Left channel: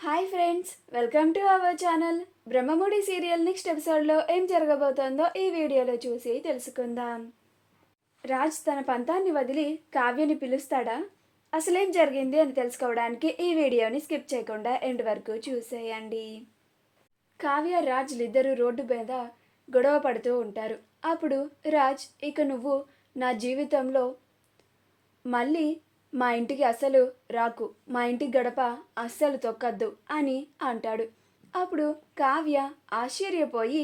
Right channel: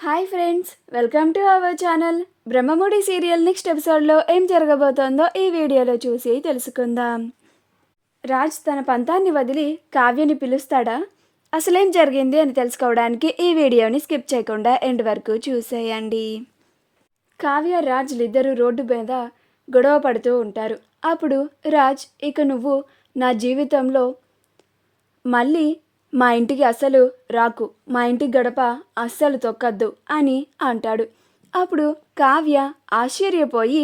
Hi friends, welcome to our channel. Brahmamudi serial next ఎపిసోడ్లో ఏం జరగబోతోందో ఈ వీడియోలో చూసి తెలుసుకుందాం. రాజ్ తన పంతాన్ని వదిలి కావ్యని పిలుస్తాడా? అసలేం జరిగింది అని తెలుసుకోవడానికి ఈ వీడియోని స్కిప్ చేయకుండా ఎండ్ వరకు చూసేయండి. కావ్య రాజ్లిద్దరూ రోడ్డు మీద గొడవ పడుతూ ఉంటారు. అప్పుడు రాజ్, ఇక నువ్వు నా జీవితంలో మళ్ళీ మా ఇంటికి అస్సలు రాకు, మా ఇంటి గడప అస్సలు తొక్కద్దు అని అంటాడు. అప్పుడు కావ్య ఆశ్చర్యపోయి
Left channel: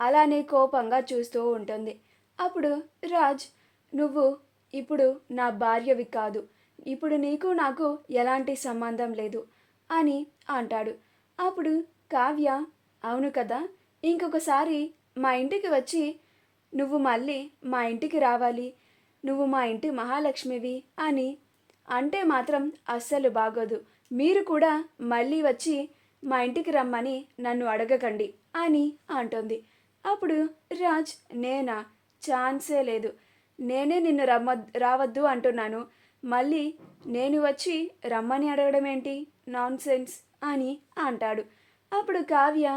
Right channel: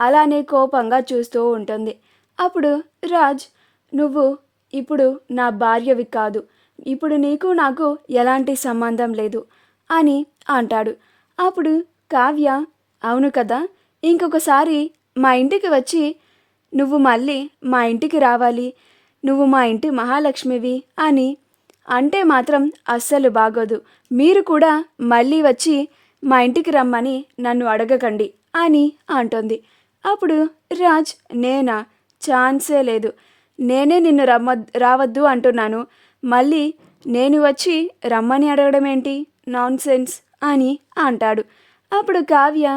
అలానే కోపంగా చూస్తూ ఉంటుంది. అప్పుడు రాజ్, నువ్వు ఇప్పుడు నా భార్యవి కాదు, ఇప్పుడు నీకు నాకు ఎలాంటి సంబంధం లేదు అని అంటాడు. అప్పుడు కావ్య, అవును కదా, ఇంకొకసారి మా ఇంటికి వచ్చి నువ్వు మళ్ళీ మా ఇంటికి రావాలి, నువ్వు మా ఇంటి మహాలక్ష్మివి అని అంటే మాత్రం అస్సలు బాగోదు. మీరు కూడా మళ్ళీ వచ్చి మా ఇంటికి రమ్మని నన్ను అడగకండి అని అంటుంది. అప్పుడు రాజ్, నేనా? ఛాన్సే లేదు, నేనే నిన్ను రావద్దు అంటున్నాను, మళ్ళీ నేను వచ్చి రమ్మని అడగడం ఏంటి, నాన్ సెన్స్ అని అంటాడు. అప్పుడు కావ్య,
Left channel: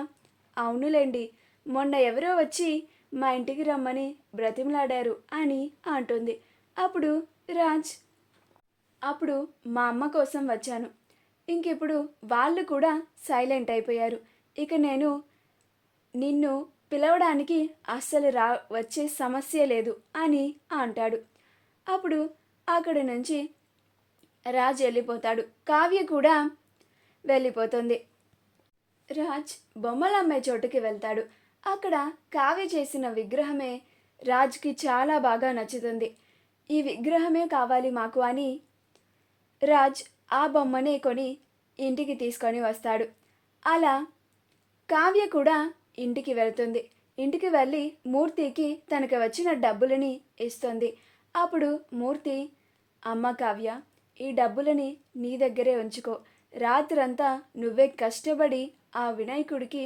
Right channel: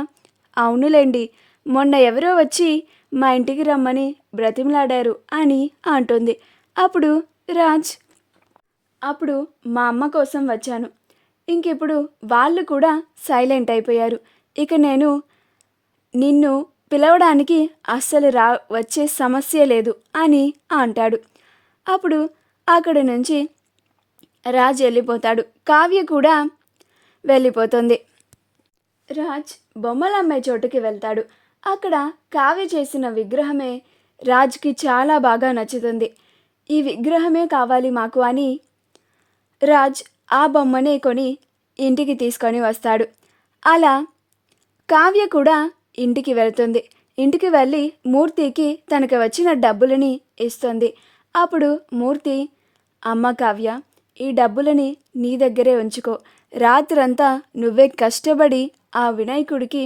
అవునులేండి, మొన్న ఎవరో వచ్చి మా ఇంటికి రమ్మని బ్రతిమలాడారు అని అంటుంది. అప్పుడు రాజ్, అప్పుడు మా అమ్మ కోసం వచ్చాను, ఇంకిప్పుడు వాళ్ళు కూడా సైలెంట్ అయిపోయారు, ఇక నేను నిన్ను పిలవడానికి అస్సలు వచ్చే సమస్య లేదు అని అంటాడు. అప్పుడు అక్కడి నుంచి రాజ్ వెళ్ళిపోతాడు. కావ్య కూడా వెళ్ళిపోతుంది. రాజ్ బొమ్మల అమ్మాయి చోటుకి వెళ్తాడు. అక్కడ కావ్య చేసిన విగ్రహమే రాజ్కి చాలా బాగా నచ్చుతుంది. ఈ విగ్రహమే కావాలి మాకు అని రాజ్ ఆ బొమ్మనే కొని ఇంటికి తీసుకొని వస్తాడు. అలా కావ్య కూడా ఇంటికి వెళ్తుంది. ఇంటికి వెళ్ళి మూర్తికి తనకు వచ్చిన డబ్బులని ఇస్తుంది. అప్పుడు మూర్తి, అమ్మ కావ్య, ఈ డబ్బులని నీ దగ్గరే ఉంచుకో, రాత్రంతా నువ్వే కష్టపడి ఆ వినాయకుడికి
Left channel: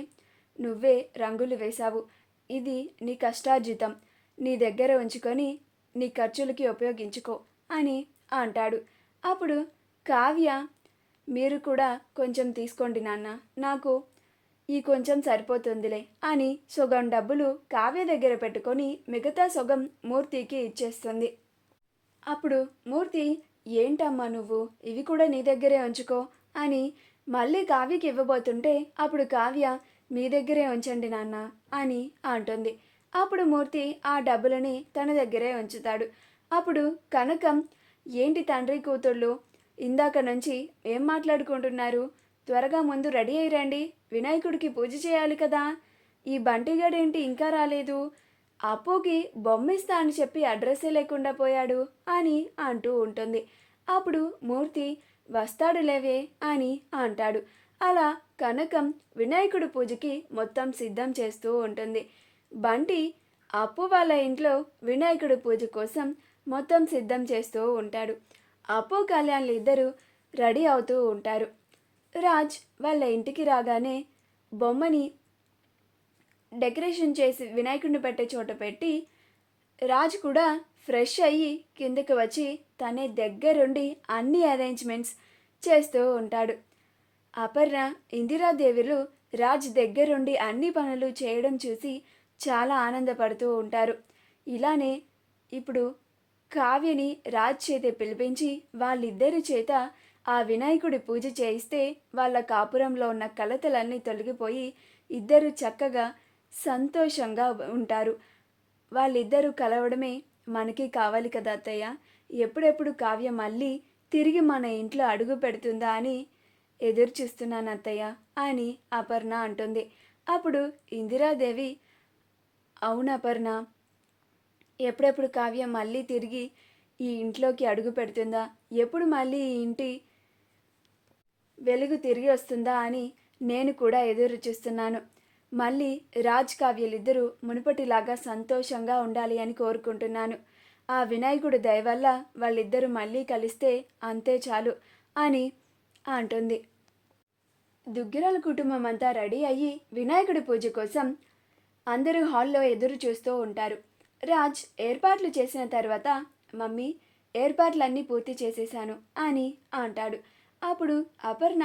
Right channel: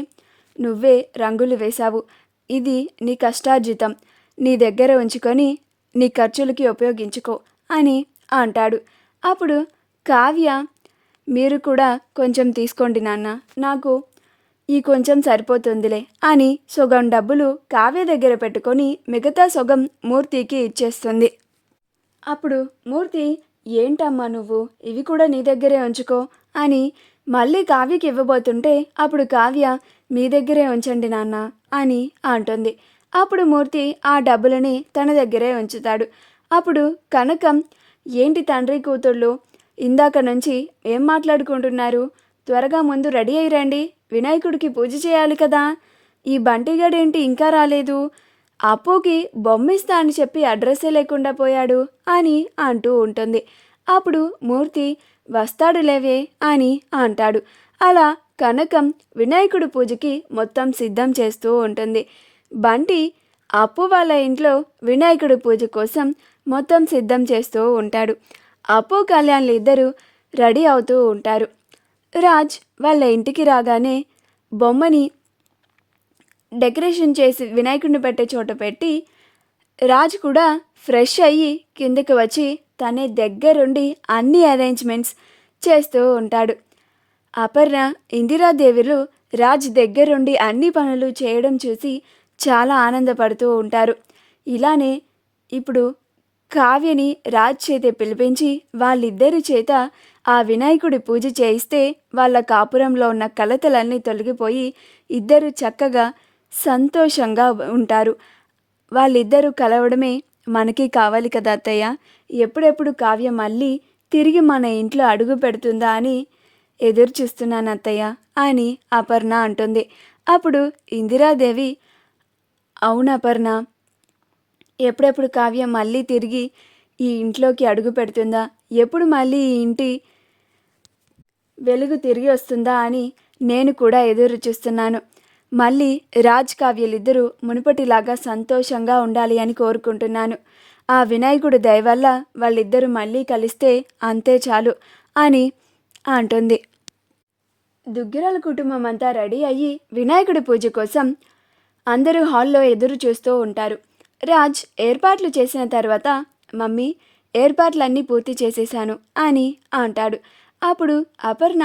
నువ్వే రంగులు వేశావు, ఇది నీ కష్టార్జితం, నీ దగ్గర ఉంచుకొని నీ ఖర్చులకి ఉపయోగించుకో అని అంటాడు. అప్పుడు కావ్య, మీరు కూడా కొంచెం తీసుకోండి నాన్న, నాకు ఈ కొంచెం సరిపోతుందిలే అని సగం డబ్బులు కావ్య దగ్గర పెట్టుకొని మిగతా సగం మూర్తికి ఇచ్చేస్తుంది. అప్పుడు మూర్తి, ఏంటమ్మా నువ్వు, ఇవి కూడా నీ దగ్గరే ఉంచుకో అని మళ్ళీ కావ్యకి ఇవ్వబోతుంటే అప్పుడు కావ్య, మీ దగ్గరే ఉంచండి నాన్న అని అంటుంది. అప్పుడు మూర్తి ఆ డబ్బులని తన దగ్గరే ఉంచుతాడు. అప్పుడు కనకం, ఏంటి తండ్రి కూతుళ్ళు ఇందాక నుంచి ఏం మాట్లాడుకుంటున్నారు, త్వరగా ముందు రెడీ అయ్యి రండి, వినాయకుడికి పూజ చేయాలి కదా, ఈ బంటిగాడేంటి ఇంకా రాలేదు, అప్పుకి బొమ్మిస్తా అని చెప్పి అడ్రస్సే లేకుండా పోయాడు అని అంటూ ఉంటుంది. అప్పుడు మూర్తి, వస్తాడులేవే అని అంటాడు. అలా కనకం వినాయకుడి పూజకి మొత్తం సిద్ధం చేస్తూ ఉంటుంది. బంటి అప్పు వాళ్ళ ఇంట్లో వినాయకుడి పూజ కోసం మొత్తం సిద్ధం చేస్తూ ఉంటాడు. అప్పు కళ్యాణ్లు ఇద్దరు రెడీ అవుతూ ఉంటారు. రాజ్ వాళ్ళ ఇంటికి రాగానే బొమ్మని డెకరేషన్ చేసి వినాయకుడిని పెట్టే చోట పెట్టి రాజ్ కూడా ఫ్రెష్ అయ్యి కిందకి వచ్చి తనే దగ్గరుండి అన్ని అరేంజ్మెంట్స్ చేస్తూ ఉంటాడు. అపర్ణ, ఇందిరాదేవులు రాజ్ దగ్గరుండి అన్ని పనులు చేయడం చూసి చాలా ఆనందపడుతూ ఉంటారు. ఇలానే ఇప్పుడు కావ్యని రాజ్ చేత పిలిపించి వాళ్ళిద్దరి చేత ఆ వినాయకుడి పూజ చేయిస్తే వాళ్ళ కాపురంలో ఉన్న కలతలన్నీ తొలగిపోయి ఇద్దరు చక్కగా సంతోషంగా ఉంటారు. వాళ్ళిద్దరూ కలవడమే మనకి కావాలి కదా అత్తయ్య, ఎప్పుడెప్పుడు కావ్య మళ్ళీ తిరిగి మన ఇంట్లో అడుగు పెడుతుందా అని ఎదురు చూస్తున్నాను అత్తయ్య అని అపర్ణ అంటుంది. అప్పుడు ఇందిరాదేవి, అవును అపర్ణ, ఎప్పుడెప్పుడు కావ్య మళ్ళీ తిరిగి ఈ ఇంట్లోకి అడుగు పెడుతుందా, ఎప్పుడు మళ్ళీ ఈ ఇంటి వెలుగు తిరిగి వస్తుందా అని నేను కూడా ఎదురు చూస్తున్నాను. మళ్ళీ రాజ్ కావ్యలిద్దరూ మునుపటిలాగా సంతోషంగా ఉండాలి అని కోరుకుంటున్నాను. ఆ వినాయకుడి దయ వల్ల వాళ్ళిద్దరూ మళ్ళీ కలిస్తే అంతే చాలు అని అంటుంది. దుగ్గిరాల కుటుంబం అంతా రెడీ అయ్యి వినాయకుడి పూజ కోసం అందరూ హాల్లో ఎదురు చూస్తూ ఉంటారు. రాజ్ ఏర్పాట్లు చేసిన తర్వాత, మమ్మీ, ఏర్పాట్లన్నీ పూర్తి చేసేశాను అని అంటాడు. అప్పుడు అపర్ణ,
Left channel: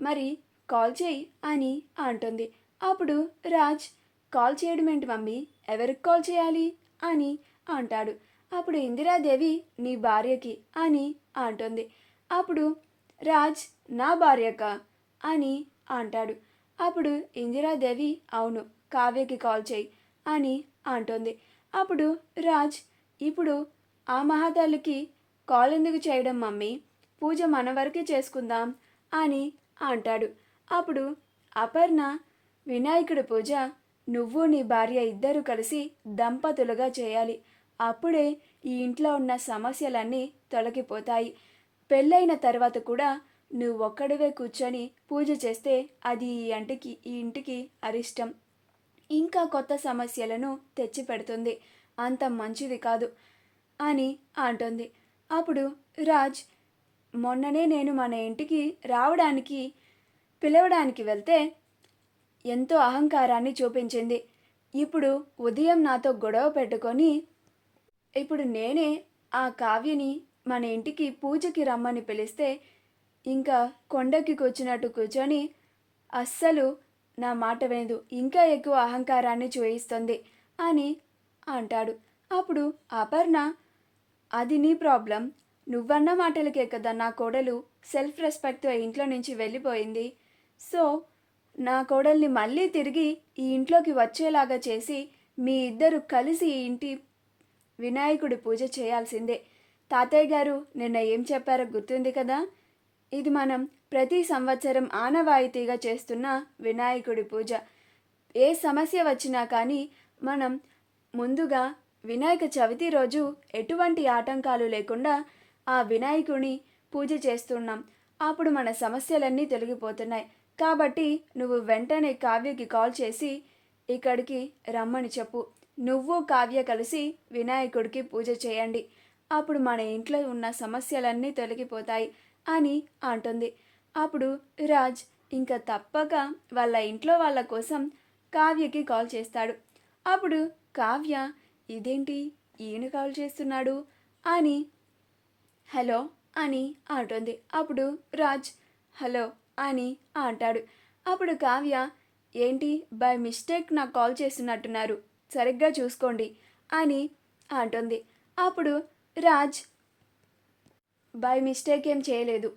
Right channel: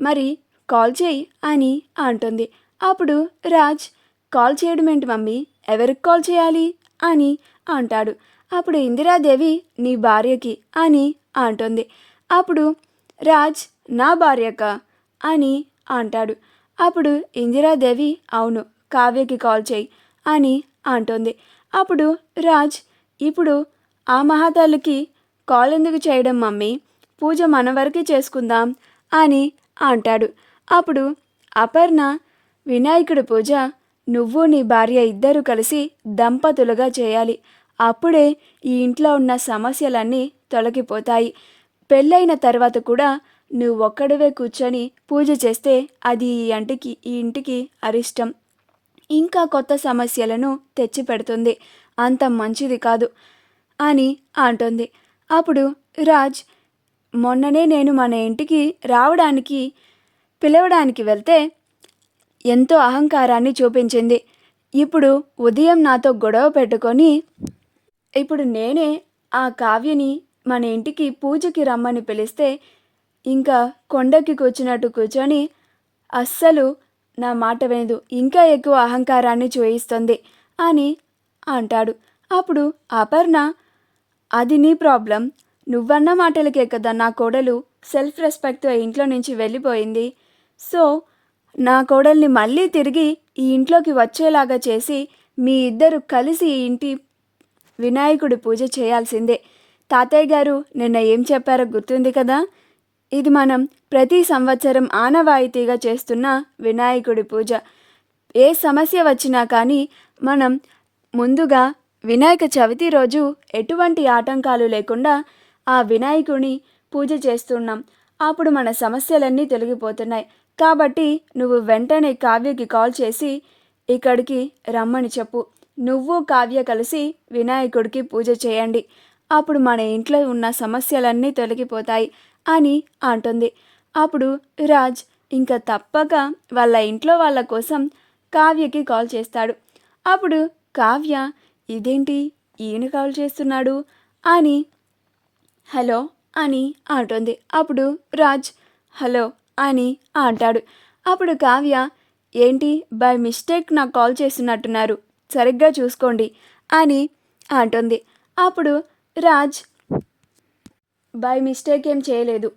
మరి కాల్ చేయి అని అంటుంది. అప్పుడు రాజ్, కాల్ చేయడం ఏంటి మమ్మీ, ఎవరికి కాల్ చేయాలి అని అంటాడు. అప్పుడు ఇందిరాదేవి నీ భార్యకి అని అంటుంది. అప్పుడు రాజ్, నా భార్యక అని అంటాడు. అప్పుడు ఇందిరాదేవి అవును, కావ్యకి కాల్ చేయి అని అంటుంది. అప్పుడు రాజ్, ఇప్పుడు ఆ మహాతల్లికి కాల్ ఎందుకు చేయడం మమ్మీ, పూజ మన వరకే చేసుకుందాం అని అంటాడు. అప్పుడు అపర్ణ, వినాయకుడి పూజ నువ్వు నీ భార్య ఇద్దరు కలిసి దంపతులుగా చేయాలి, అప్పుడే ఈ ఇంట్లో ఉన్న సమస్యలన్నీ తొలగిపోతాయి. పెళ్ళైన తర్వాత కూడా నువ్వు ఒక్కడివే కూర్చొని పూజ చేస్తే అది ఈ ఇంటికి అరిష్టం, ఇంకా కొత్త సమస్యలను తెచ్చిపెడుతుంది, అంత మంచిది కాదు అని అంటుంది. అప్పుడు రాజ్, మొన్ననే నేను మన ఇంటికి పిలవడానికి వెళ్తే ఎంతో అహంకారాన్ని చూపించింది. ఇప్పుడు ఉదయం నాతో గొడవ పెట్టుకొని ఇప్పుడు నేనే ఆ కావ్యని మన ఇంటికి పూజకి రమ్మని పిలిస్తే ఇంకా కొండకి కూర్చున్నట్టు కూర్చొని అస్సలు నా మాట వినదు, ఇంకా ఎక్కువ అహంకారాన్ని చూయిస్తుంది అని అంటాడు. అప్పుడు అపర్ణ, అది నీ ప్రాబ్లం, నువ్వన్న మాటలకే కదా నా కోడలు సెల్ఫ్ రెస్పెక్ట్తో ఇంట్లో నుంచి వెళ్ళిపోయింది. సో నా కోడల్ని మళ్ళీ తిరిగి ఈ ఇంట్లోకి వచ్చేలాగా చేసి మీ ఇద్దరు కలిసి ఈ ఇంటి వినాయకుడి పూజ చేయాల్సిందే. తాతయ్య గారు నిన్న ఏం చెప్పారో గుర్తుంది కదా, ఇది మనం ప్రతి సంవత్సరం ఆనవాయితీగా చేస్తున్న వినాయకుడి పూజ. ఏ సమస్య వచ్చినా కానీ మనం ముందుగా వినాయక చవితి రోజు ఎటువంటి ఆటంకాలు లేకుండా ఆ వినాయకుని పూజ చేస్తున్నాం, అప్పుడు మన సమస్యలన్నీ తొలగిపోతున్నాయి. కాబట్టి నువ్వు వెంటనే కావ్యకి కాల్ చేసి ఇక్కడికి రమ్మని చెప్పు, నువ్వు కావ్య కలిసి వినాయకుడికి పూజ చేయండి, అప్పుడు మన ఇంట్లో ఉన్న సమస్యలన్నీ తొలగిపోతాయి అని అంటుంది. అప్పుడు రాజ్ ఇంకా తప్పక వాళ్ళ ఇంట్లో వాళ్ళ కోసం కావ్యకి కాల్ చేస్తాడు. అప్పుడు కావ్య, ఇదేంటి ఈయన కాల్ చేస్తున్నాడు అని హలో అని అంటుంది. అప్పుడు రాజ్ హలో అని అంటాడు. అప్పుడు కావ్య, ఏంటి బై మిస్టేక్ నాకు కాల్ చేస్తున్నట్టున్నారు, సరిగ్గా చూసుకోండి అని అంటుంది. అప్పుడు రాజ్, బై మిస్టేక్ ఏం చేయలేదు,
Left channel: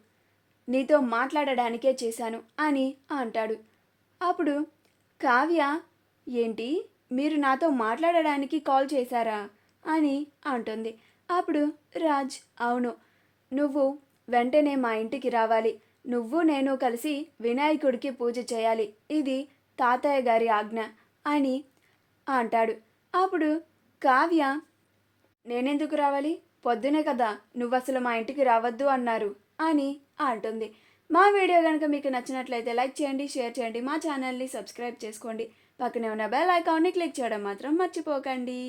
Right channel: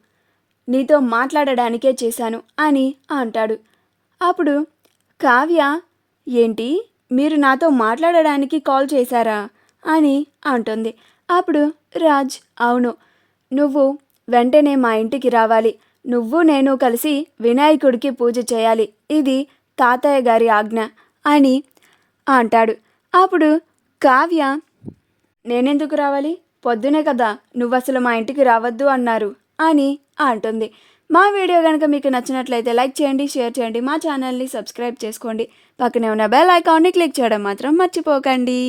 నీతో మాట్లాడడానికే చేశాను అని అంటాడు. అప్పుడు కావ్య, ఏంటి మీరు నాతో మాట్లాడడానికి కాల్ చేశారా అని అంటుంది. అప్పుడు రాజ్, అవును, నువ్వు వెంటనే మా ఇంటికి రావాలి, నువ్వు నేను కలిసి వినాయకుడికి పూజ చేయాలి, ఇది తాతయ్య గారి ఆజ్ఞ అని అంటాడు. అప్పుడు కావ్య, నేనెందుకు రావాలి, పొద్దునే కదా నువ్వు అసలు మా ఇంటికి రావద్దు అన్నారు అని అంటుంది. మా వీడియో కనుక మీకు నచ్చినట్లయితే లైక్ చేయండి, షేర్ చేయండి, మా ఛానల్ని సబ్స్క్రైబ్ చేసుకోండి, పక్కనే ఉన్న బెల్ ఐకాన్ని క్లిక్ చేయడం మాత్రం మర్చిపోకండి.